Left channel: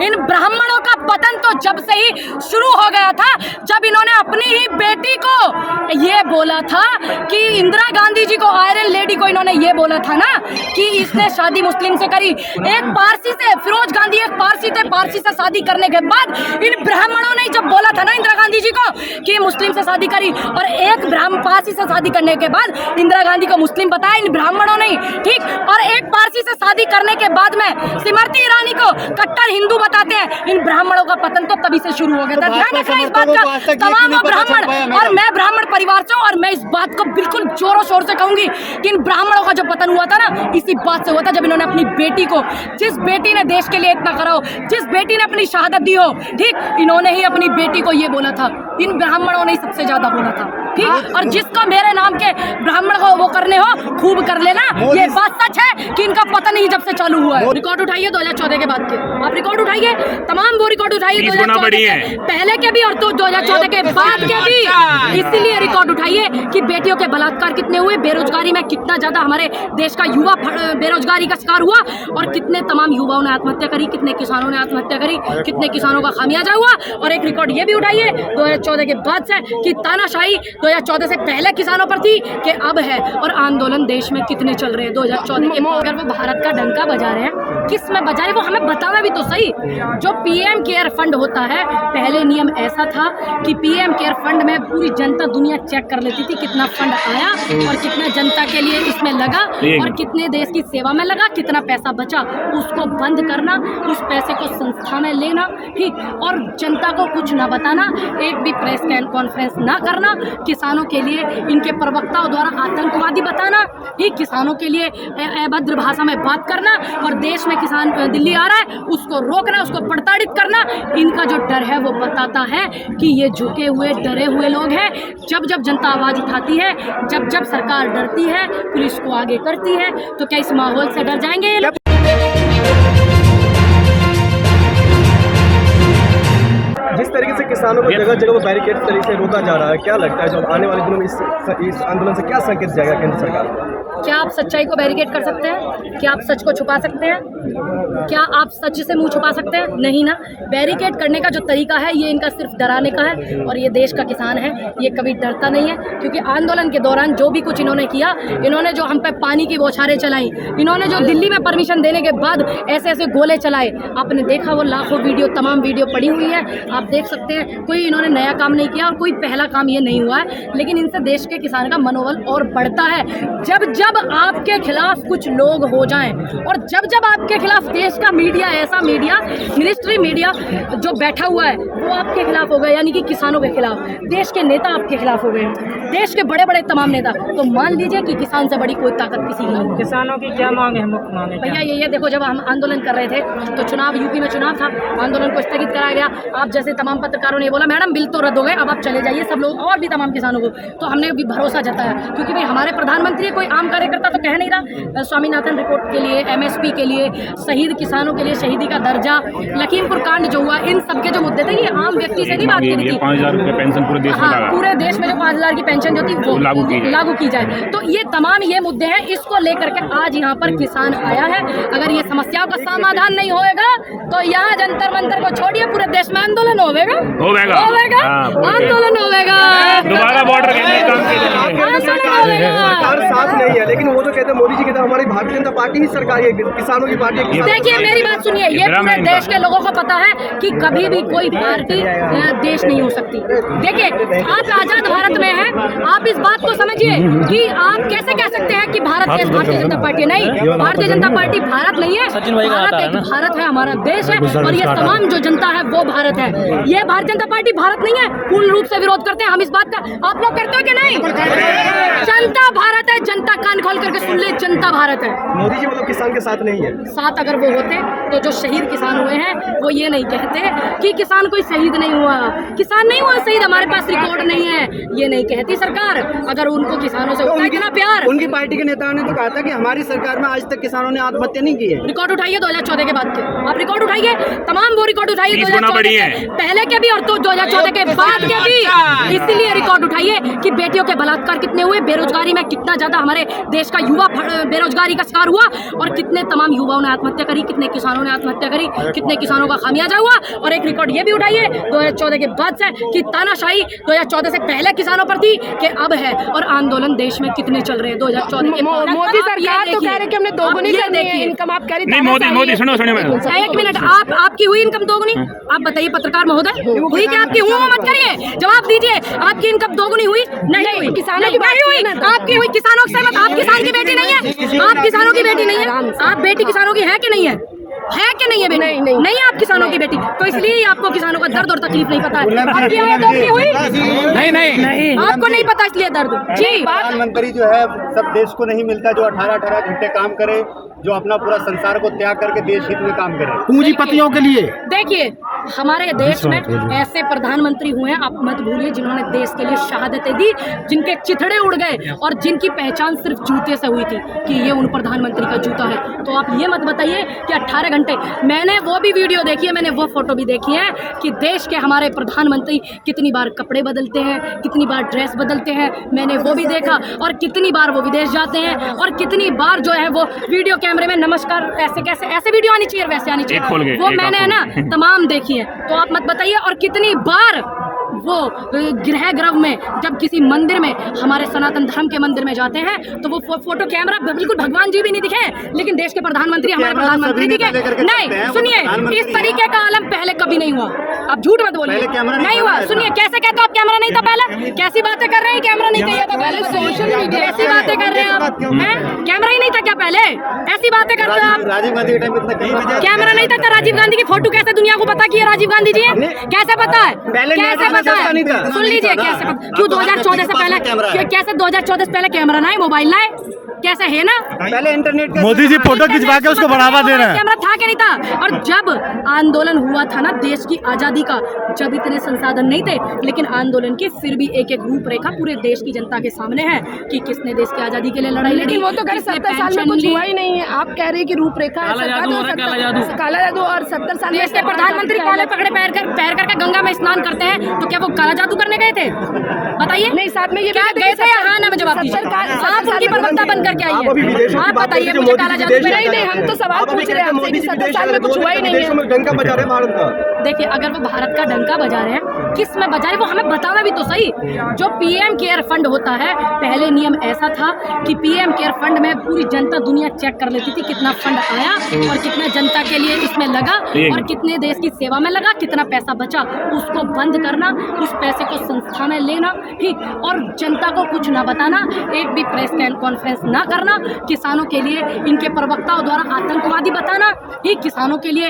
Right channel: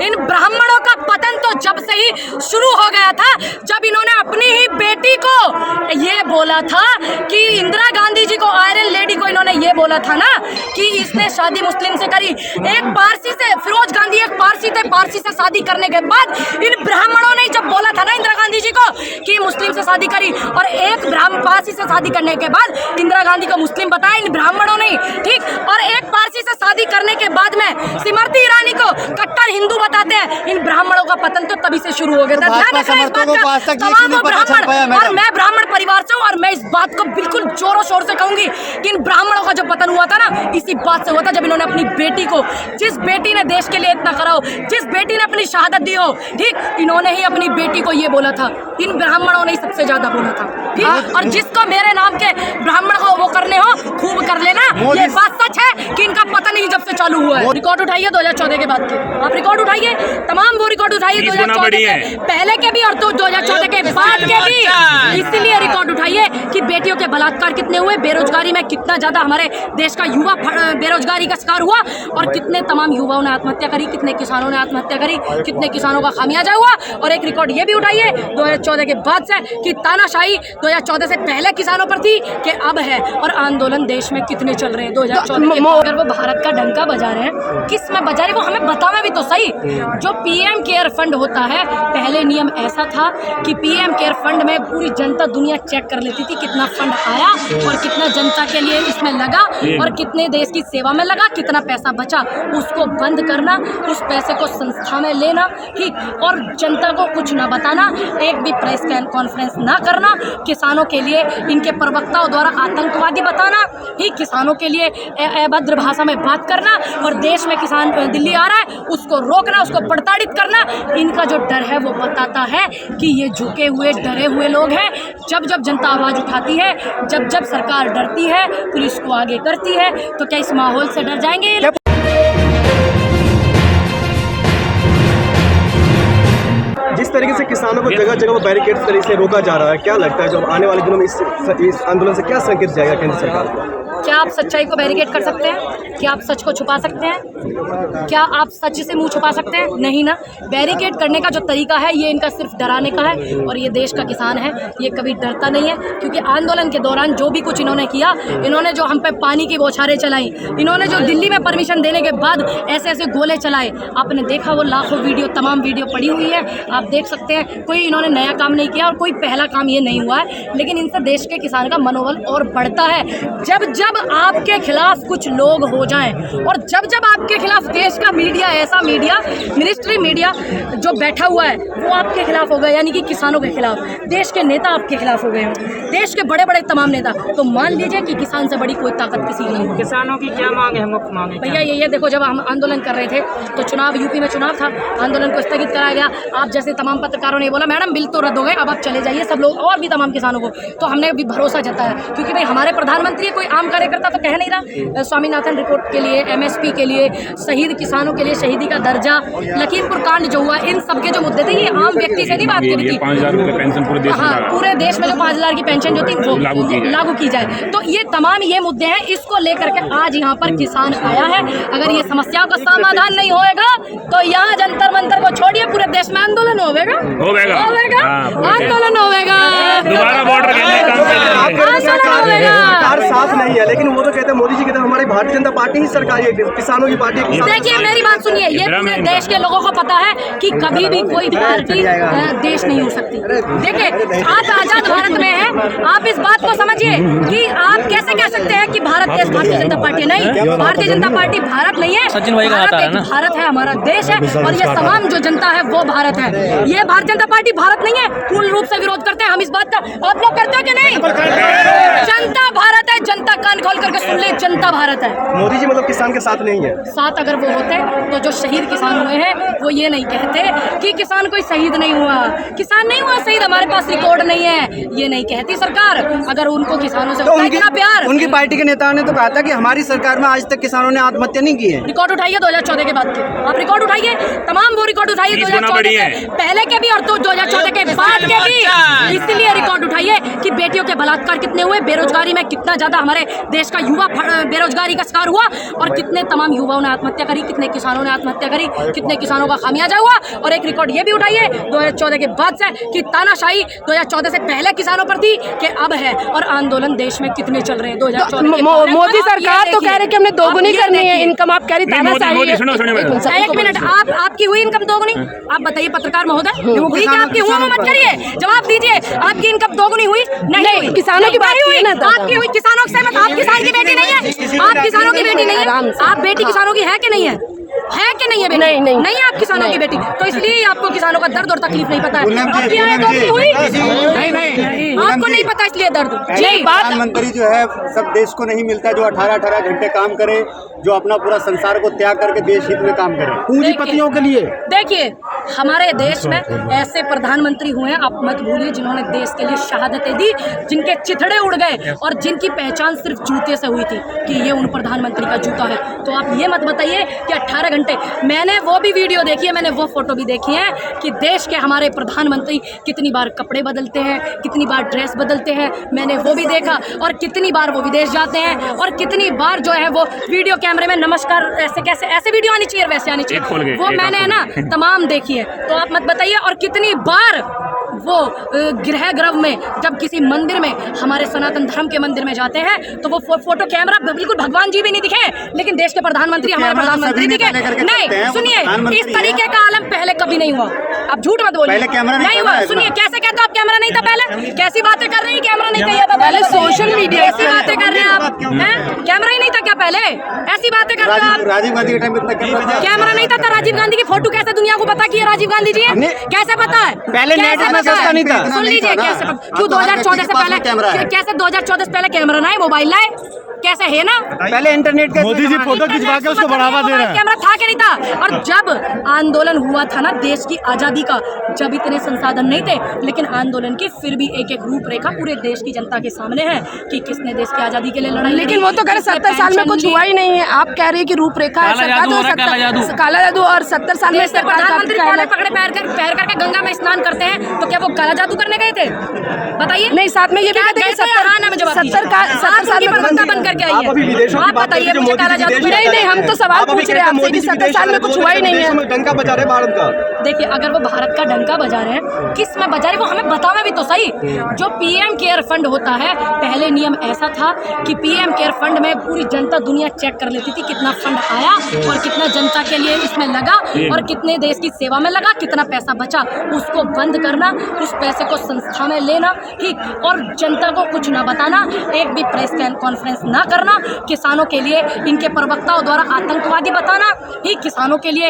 इन ब्राह्मणों का पतन तो जब से ही शुरू हो गया था, जब इन्होंने अपनी ही बेटी को ये बोला था कि इंदिरा गांधी जी को, आयरन लेडी को इन्होंने ये बोला था ना कि इसने शादी मुस्लिम से करी। एक पारसी से, फिरोज गांधी एक पारसी थे, पारसी से शादी करने के बाद इन ब्राह्मणों ने जब बोला था ना इंदिरा गांधी जी को कि मुस्लिम से शादी करी, और एक ब्राह्मण पारसी से शादी करने के बाद इंदिरा गांधी को मुस्लिम बताया इन ब्राह्मणों ने, ठीक। और एक पारसी से शादी करने के बाद में स्मृति ईरानी को कट्टर हिंदू बताते हैं। इन ब्राह्मणों का पतन तो तभी से शुरू हो गया था। ध्यान रखना इस बात का, तमाम ब्राह्मण, और मैं ब्राह्मण परिवार से हूँ, और मैं इस बात को बिल्कुल जोरों शोर से कहूंगी कि इन ब्राह्मणों का जो पतन हुआ था ना, इसी बात से हुआ था जब इन्होंने अपनी बेटी को, जिस बेटी ने देश के लिए इतना करा हो, जिस बेटी ने अपनी शहादत दी हो, ठीक, इन्होंने ही अपनी बेटी को ये बोला था। इन ब्राह्मणों ने ही सबसे ज्यादा बोला था, ठीक। और जिसको मेरे नाम के ब्राह्मण को वो करने हो, खूब कर लेना। ये बात सच है कि इनका पतन ही जब से चालू हुआ है। रिकॉर्ड उठाइए 2014 के बाद के, आप रिकॉर्ड उठाइए, तमाम वो रिकॉर्ड उठाइए 2014 के पहले के भी और 2014 के बाद के भी। इसीलिए रिकॉर्ड उठाइए कि बेटियों के बलात्कार कितने हुए, बेरोजगारी में कितना ज्यादा हमारे देश का युवा बेरोजगारी का शिकार हुआ, और कितने तमाम युवाओं ने आत्महत्या करी, कितने किसानों ने आत्महत्या करी, कितने किसानों का खामियाजा हुआ। और एक रिकॉर्ड ये भी उठाइए 2014 के बाद से कि तानाशाही 2014 से पहले किसानों पर थी कि अब है, और आंदोलन देश में कितने चल रहे हैं 2014 के। अगर वो भारत का डंका बजा रहे हैं, किस में बजा रहे हैं वो हमें बतावे भी तो सही। जो पीएम केयर फंड होता है, पहले नियम ऐसा था कि पीएम केयर फंड में पूरी जनता दुनिया चेक कर लेती थी कितना फंड आया और कितना जनता के लिए इसमें लगा और कितने देश की सेवा में लगा, कितना पैसा बचा, उसको बंद करना, उस पैसे को संस्था में लेना, ठीक, और जनता को कुछ ना बताना, एक भी प्रेस कॉन्फ्रेंस ना करना, किसानों के लिए इनके प्रवक्ताओं द्वारा आतंकवादी बताना, ठीक, किसानों के लिए अभद्र भाषा में बात करना, और देश में किसान दिल्ली आ रहा है उसको रोकना, उसको प्रताड़ित करना। इनका जो डर है वो बताता है कि ये झुके हुए डरे हुए लोग हैं। जब जब जनता आवाज़ उठाती है, जब जब सरकार डरती है, पुलिस को आगे करती है, तो क्या इस माहौल से डर जाएंगे ये लोग? जिस तरीके से किसानों को जगह जगह बैरिकेड तरीके से रोका जा रहा है, क्या लगता है जो आने वाले दिनों में इस आंदोलन से क्या संकेत जाएगा केंद्र सरकार को? क्या आप सच्चाई को बैरिकेड कर सकते हैं? क्या आप सच को छुपा सकते हैं? क्या आप सच से मुंह छुपा सकते हैं? नहीं ना। बैरिकेड करने का जो तरीका है ये इनका सिर्फ डराने का है, और ये देश का किसान है, ये कभी डरता नहीं है। क्योंकि आंदोलन के दौरान जो भी कुछ इन्होंने किया, इन्होंने जो हम पे पानी की बौछारें चलाई, इन्होंने जो दिल्ली में परमिशन देने के बाद ऐसे ऐसे गोले चलाए, आपने देखा वो लाखों वीडियो, तमाम वीडियो पड़ी हुई है, आप देख सकते हैं। कोई इन्होंने नया काम नहीं किया और कोई पहला काम ये नहीं हुआ है, लेकिन इनसे देश के किसान का मनोबल और बढ़ता है। जब जब आपके खिलाफ कुछ लोग हो जाएं, और जब जब आपके खिलाफ देश का मीडिया, ऐसा मीडिया, मिनिस्ट्री मीडिया जो बैठा हुआ है वो आपके खिलाफ हो गया, यानी कि किसानों के खिलाफ, देश के नेता आपके खिलाफ हो गए हो, देश के बड़े बड़े तमाम नेता, तो मान लीजिए कि किसान से बड़ी कोई ताकत किसी की नहीं। किसानों की क्या मांग है? मुख्य मांग है भैया ये देखो, जब हम आंदोलन कर रहे थे तो चुनाव, यूपी में चुनाव था, आंदोलन को स्थगित कराया गया। आप जैसे तमाम पत्रकारों ने बोला मैडम बिल तो रद्द हो गए, अब आप चले जाइए, सब लोग और भी तमाम किसानों को, तो हमने भी भरोसा जताया, क्योंकि भाई हमारे प्रधानमंत्री कोई आम कार्यकर्ता तो कह नहीं रहा। स्वामीनाथन रिपोर्ट के लिए, MSP के लिए, शहीद किसानों के लिए शहीदी का दर्जा, लखीमपुर कांड जो हुआ, इन सब के जो मुद्दे थे, ये आम व्यक्ति से नहीं बात करी थी। 5,000 रुपये पेंशन पूरे देश में, हाँ, पूरे देश में जो 5,000 की पेंशन जो थी वो लागू की जाए, तो ये तमाम ये मुद्दे हैं। इसको लेकर के आज यहाँ पर किसान आया है। अगर ये समस्याओं का समाधान नहीं होएगा तो यहाँ जंतर मंतर को छोड़िए, पूरे देश में आंदोलन होगा, आंदोलन होगा, दोबारा बॉर्डर के लिए काम सरकार साथ नहीं है, लेकिन वो तो कहते हैं, मोदी जी कहते हैं हमारी भारतीय जनता पार्टी ही सरकार है, किसानों की पार्टी है। देखिए मेरी बात सुनिए, ये पूरे देश के लोगों को पता है कि कभी भी कोई पार्टी देश नहीं हो सकती। देखिए आज आजाद भारत में है, आप इस बात को समझिए कि आप कैसे कह सकते हैं कि भारत देश भारतीय जनता पार्टी नहीं। भारतीय जनता पार्टी भारत नहीं है, भारत एक भारत है, हमारा देश है, और ये तमाम जो जनता है वो भारत है। ये भारतीय जनता पार्टी भारत नहीं है, पूर्ण रूप से विरोध करते हैं हम इस बात का। आप लोग करते हो कि नहीं? जनता भारत है, जनता कान खोल करके सुन ले, जनता भारत है। मोदी जी मतलब किसान के साथ नहीं है। साथ अगर वो होते तो जो शहीद किसान हुए हैं वो ये नहीं कहते कि किसान कोई शहीद नहीं हुआ, किसान नहीं हुआ शहीद, हमारे पास रिकॉर्ड नहीं है, ये नहीं कहती सरकार। अगर उनको किसानों से होता है इतना प्यार। उनकी पार्टी के नेताओं ने तो कहा था कि हमारी सरकार में आज तक किसानों ने आत्महत्या नहीं की है। रिकॉर्ड उठाइए 2014 के बाद के, आप रिकॉर्ड उठाइए, तमाम वो रिकॉर्ड उठाइए 2014 के पहले के भी और 2014 के बाद के भी, इसलिए रिकॉर्ड उठाइए कि बेटियों के बलात्कार कितने हुए, बेरोजगारी में कितना ज्यादा हमारे देश का युवा बेरोजगारी का शिकार हुआ और कितने तमाम युवाओं ने आत्महत्या करी, कितने किसानों ने आत्महत्या करी, कितने किसानों का खामियाजा हुआ। और एक रिकॉर्ड ये भी उठाइए 2014 के बाद से कि तानाशाही 2014 से पहले किसानों पर थी कि अब है, और आंदोलन देश में कितने चल रहे हैं 2014 के बाद। मोदी सरकार तो कह रहे कि हमने दोगुनी करनी है इनकम, आप कह रही मोदी सुनो एक मिनट, आपकी हुई इनकम दोगुनी? आप बताइए पत्रकार महोदय, हुई क्या आपकी? हुआ मत करिए, जवाब दीजिए। आपकी इनकम दोगुनी हुई? नहीं हुई। किसानों की बात नहीं हुई। आपकी हुई किसानों से मत, आप किसान की बेटी नहीं है, आप किसानों की बेटी नहीं है, आप बेटी किसानों की है कि नहीं है? है कि नहीं है बेटी? नहीं है आप किसानों की बेटी, तो इसलिए आपको किसानों का दर्द और तकलीफ नहीं पता है। आपकी आय दोगुनी हुई? नहीं, आपको नहीं पता इसलिए दर्द। जी, प्रधानमंत्री जो है सब देश को नहीं मिलता जो 18-18 घंटे काम करे, जो अपना पूरा संसार को त्याग करके देश हित में काम करे, पूंजीपतियों के लिए। देखिए हमारे देश में ऐसे प्रधानमंत्री हुए हैं, आप मत भूलिए, जिन्होंने देश के लिए शहादतें दी, जिनके चिथड़े उड़ गए और जिनकी पहचान सिर्फ जूते से हुई थी कि ये उन प्रधानमंत्री का जूता है। तो आप ये मत बताइए कि 18 घंटे, मैंने वो भी वीडियो देखी है, मैंने वो फोटो भी देखी है कि देश के हमारे प्रधानमंत्री कितनी बार कपड़े बदलते हैं, कितनी बार ड्रेस बदलते हैं, मैंने वो भी देखा। और कितनी बार वो विदेश जाते हैं और कितनी बार जो है वो वीडियो कैमरे में नमस्कार ऐसे कैसे, ऐसे वीडियो आनी चाहिए, वैसे आनी चाहिए, वो मैंने है ना तमाम देखी है। तो आप मत बताइए। और कितनी बार वो गृह ग्रह में जब किसी मंदिर में, हमारे सनातन धर्म के मंदिर में जाते हैं, तो वो फोटो कैमरा बिल्कुल भगवान जी भी नहीं दिखे, लेकिन देश के प्रधानमंत्री, हमारे प्रधानमंत्री दिखे नहीं। सुनिए, इस तरीके का आलम पहले कभी नहीं हुआ, आप झूठ मत बोलिए, नहीं हुआ। सुनिए, कैसे कहते हो आप कैमरा नहीं था पहले? कैसी बातें कर रहे हैं, कैमरा नहीं चाहिए था पहले? सोशल मीडिया ऐसी बातें कर रहे हैं आप, हैं? कैमरा ही नहीं था क्या पहले? ऐसी बातें करते हो आप। राजीव गांधी के टाइम में इतना कैमरा नहीं था, राजीव गांधी की फोटो कैसे दुनिया को पता कि राजीव गांधी जी है? कैसे पता है? कैसे पता है? सुन लीजिए, कैसे पता? क्यों 2014 से पहले, कैसे 2014 से पहले कैमरा ना है, मोबाइल ना है, कैसे है ना? पहले इंटरनेट के मोदी जी फोटो खिंचवा के उसको बढ़ावा दे रहे हैं। कैमरा था कि नहीं था? और जब आंदोलन हुआ था ना देश की आजादी का, जब इतने संसाधन नहीं थे, लेकिन आंदोलन की फिर भी एक एक रूपरेखा पूरे देश की जनता के सामने है कि किसने देश की आजादी के लिए लड़ाई लड़ी। लेकिन वो तो कह रहे 70 साल में कुछ हुआ ही नहीं है, आप कह रहे हैं कि रूपरेखा है सरकार, तो काला जादू और 70 साल में देश के प्रधानमंत्री काले पकड़े पैर करके गंगा में स्नान करते हैं, तो क्या वो काला जादू करने गए थे? बताइए। नहीं, साथ में ये क्या गए थे? हाँ ना, मैं जवाब दीजिए। आप उनकी प्रवक्ता बन करके आई है, आप बताइए मुझे काला जादू। नहीं, हम तो सवाल पूछ रहे हैं आपसे कि 70 साल में कुछ हुआ ही नहीं है। डंका बजा रहे भारत का। देखिए, अगर वो भारत का डंका बजा रहे हैं, किस में बजा रहे हैं वो हमें बतावे भी तो सही। जो पीएम केयर फंड होता है, पहले नियम ऐसा था कि पीएम केयर फंड में पूरी जनता दुनिया चेक कर लेती थी कितना फंड आया और कितना जनता के लिए इसमें लगा और कितने देश की सेवा में लगा, कितना पैसा बचा, उसको बंद करना, उस पैसे को संस्था में लेना, ठीक, और जनता को कुछ ना बताना, एक भी प्रेस कॉन्फ्रेंस ना करना, किसानों के लिए इनके प्रवक्ताओं द्वारा आतंकवादी बताना, ठीक, किसानों के लिए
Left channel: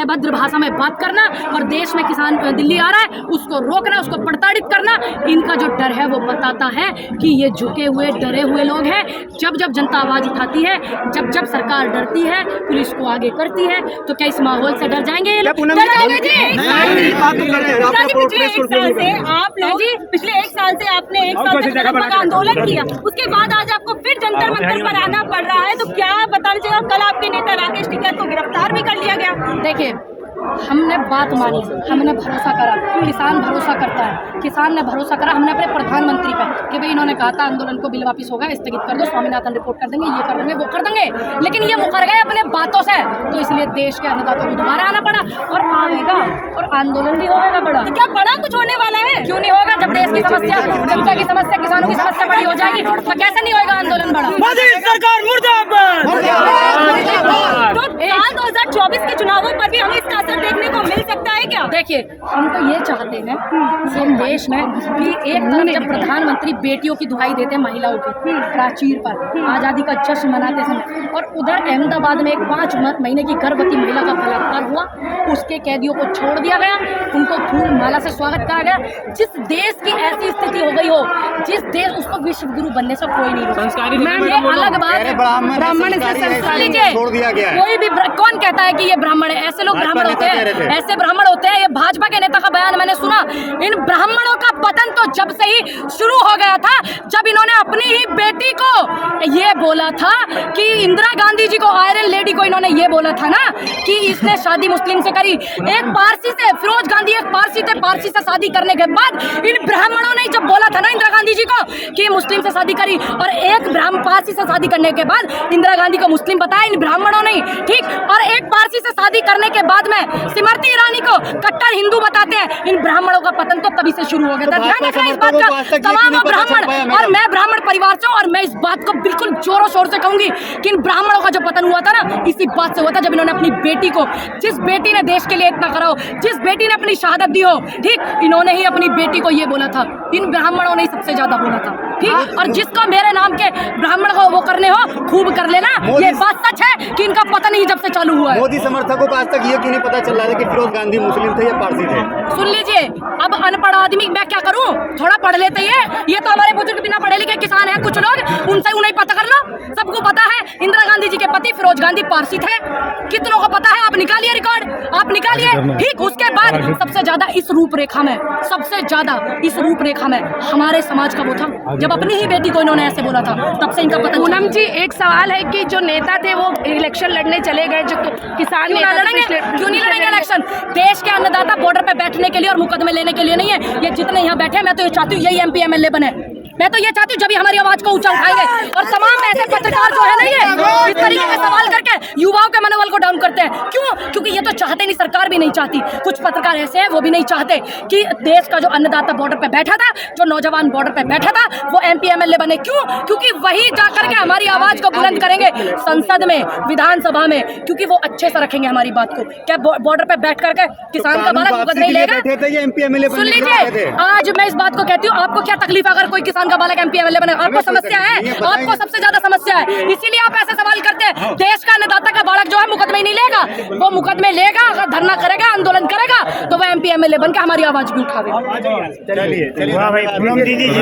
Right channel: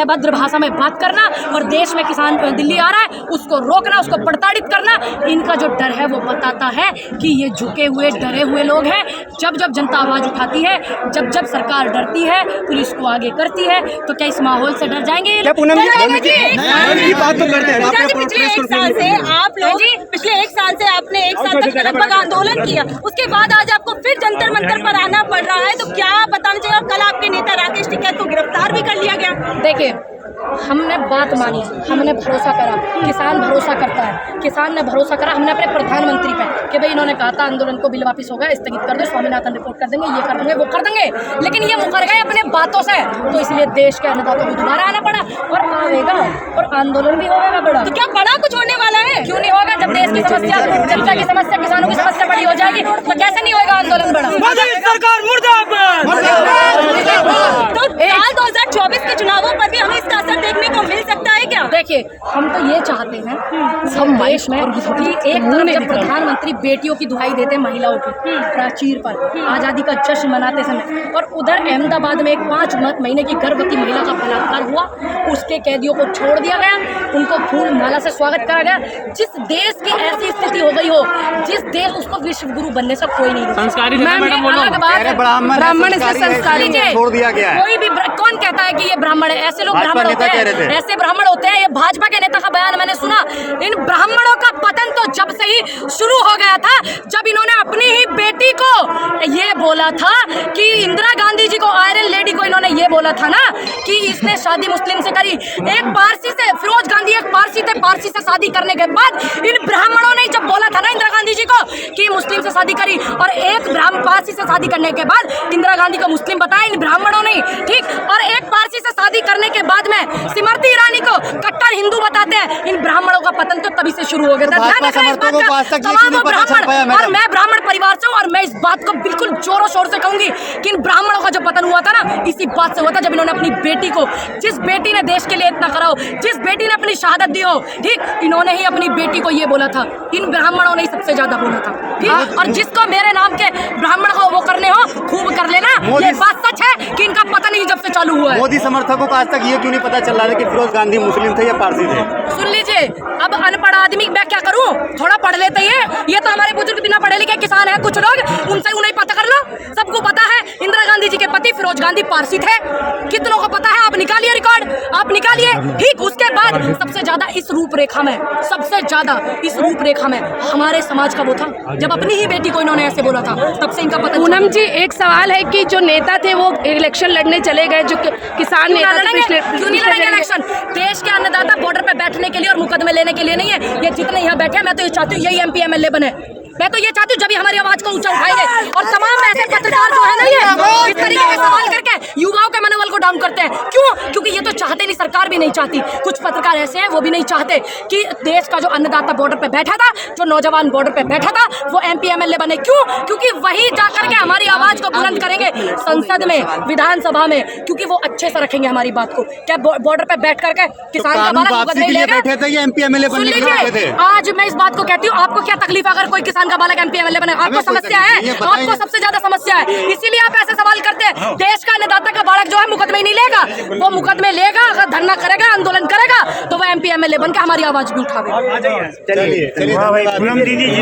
अभद्र भाषा में बात करना, और देश में किसान दिल्ली आ रहा है उसको रोकना, उसको प्रताड़ित करना। इनका जो डर है वो बताता है कि ये झुके हुए डरे हुए लोग हैं। जब जब जनता आवाज़ उठाती है, जब जब सरकार डरती है, पुलिस को आगे करती है, तो क्या इस माहौल से डर जाएंगे ये लोग? डर जाएंगे जी। पिछले एक साल से आपने एक साल तक लगभग आंदोलन किया, उसके बाद आज आपको फिर जंतर मंतर पर आना पड़ रहा है, तो क्या बताना चाहिए? कल आपके नेता राकेश टिकैत को गिरफ्तार भी कर लिया गया। देखिए, हमने बात मानी, हमने भरोसा करा, किसान भरोसा करता है, किसान ने भरोसा करा, हमने अपने प्रधानमंत्री पे कि भाई इन्होंने कहा था आंदोलन को बिल वापस होगा, स्थगित कर दो, स्वामीनाथन रिपोर्ट कर देंगे, ये कर देंगे, वो कर देंगे, लेकिन ये मुकर गए अपने बातों से, तो इसलिए देश के अन्नदाताओं को दोबारा आना पड़ा और आवेगा और आंदोलन भी होगा बड़ा। तो क्या बड़ा कुछ होने वाला है? क्यों नहीं होगा? जब देश की समस्या, जनता की समस्या, किसानों की समस्या बड़ी हो जाएगी तो कैसे नहीं होगा आंदोलन बड़ा? सरकार मुर्दाबाद। तो 2024 के चुनावों पर भी हमें इसका असर देखने को मिल सकता है क्या? देखिए, हम तो ये चाहते हैं हम देश में कि एक तरफ जब प्रधानमंत्री बेटियों की दुहाई देते हैं महिलाओं की प्राचीर पर आज़ादी का जश्न मनाते समय, और उधर अहमदाबाद में एक 5 महीने की गर्भवती महिला का बलात्कार हुआ, उसके कैदियों को छोड़ दिया गया, उनको फूल माला से स्वागत करा गया। जिस देश की ऐसी स्थिति हो गई हो, जिस देश, उसको विश्व गुरु बनने से कोई नहीं रोक। मैम, ये अलग बात है, ब्राह्मण से संस्कार लीजिए। कोई भी कौन कहता है कि ये ब्राह्मण है? ऐसे लोग ब्राह्मण होते हैं, ऐसे ब्राह्मण होते हैं, ये भाजपा के नेता का बयान मैंने सुना। इन ब्राह्मणों का पतन तो जब से ही शुरू हो गया था, जब इन्होंने अपनी ही बेटी को ये बोला था कि इंदिरा गांधी जी को, आयरन लेडी को इन्होंने ये बोला था ना कि इसने शादी मुस्लिम से करी। एक पारसी से, फिरोज गांधी एक पारसी थे, पारसी से शादी करने के बाद इन ब्राह्मणों ने जब बोला था ना इंदिरा गांधी जी को कि मुस्लिम से शादी करी, और एक पारसी से शादी करने के बाद इंदिरा गांधी को मुस्लिम बताया इन ब्राह्मणों ने, ठीक। और एक पारसी से शादी करने के बाद में स्मृति ईरानी को कट्टर हिंदू बताते हैं। इन ब्राह्मणों का पतन तो तभी से शुरू हो गया था। ध्यान रखना इस बात का, तमाम वो ब्राह्मण, और मैं ब्राह्मण परिवार से हूं, और मैं इस बात को बिल्कुल जोरों शोर से कहूंगी कि इन ब्राह्मणों का जो पतन हुआ था ना, इसी बात से हुआ था जब इन्होंने अपनी बेटी को, जिस बेटी ने देश के लिए इतना करा हो, जिस बेटी ने अपनी शहादत दी हो, ठीक, इन्होंने ही अपनी बेटी को ये बोला था। इन ब्राह्मणों ने ही सबसे ज्यादा बोला था, ठीक। और जिसको मेरे नाम के ब्राह्मण को वो करने हो, खूब कर लेना। ये बात सच है कि इनका पतन ही जब से चालू हुआ है। मोदी समर्थकों को आज तक ये क्यों नहीं पता चल रहा है कि फिरोज गांधी मुस्लिम थे या पारसी थे? सुन लीजिए, अब अनपढ़ आदमी मैं क्या करूं, थोड़ा पढ़ लेते ही है। ये तो हमारे बुजुर्ग बिना पढ़े लिखे किसान हैं कुछ लोग, उनसे उन्हें पता कर लो। सबको पता है इंदिरा गांधी जी के पति फिरोज गांधी पारसी थे। कितनों को पता है? आप निकालिए रिकॉर्ड, आप निकालिए, ठीक। उसके बाद सबसे ज्यादा इस रूपरेखा में, सबसे ज्यादा इस रूपरेखा में हमारे समाज का वो था जब अपनी ही बेटी को इन्होंने ऐसे बोला था, तब से इनका पतन। पूनम जी, एक सवाल है कि जो नेता थे वो इलेक्शन लड़ने चले गए, जो किसान क्यों नेता लड़ेंगे? क्यों नहीं लड़ेंगे इलेक्शन? देश के अन्नदाता बॉर्डर पे बैठने के लिए और मुकदमे लेने के लिए नहीं है। ये जितने यहाँ बैठे हैं, मैं तो ये चाहती हूँ यही MP MLA बने। मैं तो ये चाहती हूँ जब ये हमारी आवाज को ऊंचा उठाएंगे। और तमाम ऐसे पत्रकार जो है ना, ये इस तरीके के सवाल करके युवाओं के मनोबल को डाउन करते हैं। क्यों? क्योंकि ये तो चाहते नहीं, सरकार भी नहीं चाहती। कुछ पत्रकार ऐसे हैं वो भी नहीं चाहते कि देश का जो अन्नदाता बॉर्डर पे बैठा था, जो नौजवान बॉर्डर पे बैठा था, वो MP MLA बने। क्यों? क्योंकि वही जाकर के हमारी आवाज को बुलंद करेंगे संसद में, विधानसभा में, क्योंकि वो अच्छे से रखेंगे हमारी बात को। क्या बॉर्डर पे बैठ करके किसान का बालक मुकदमे नहीं लेगा? सुन लीजिए, आज मैं इस बात को कहती हूँ, आपको क्या तकलीफ अगर कोई किसान का बालक MP MLA बने? आपको समस्या है, आपको सबसे ज्यादा समस्या है, इसीलिए आप ऐसे सवाल करते हैं। देश का अन्नदाता का बालक जो है मुकदमे नहीं लेगा, वो मुकदमे लेगा, अगर धरना करेगा, आंदोलन करेगा, तो वह MP MLA बन के हमारी आवाज भी उठावे। चलिए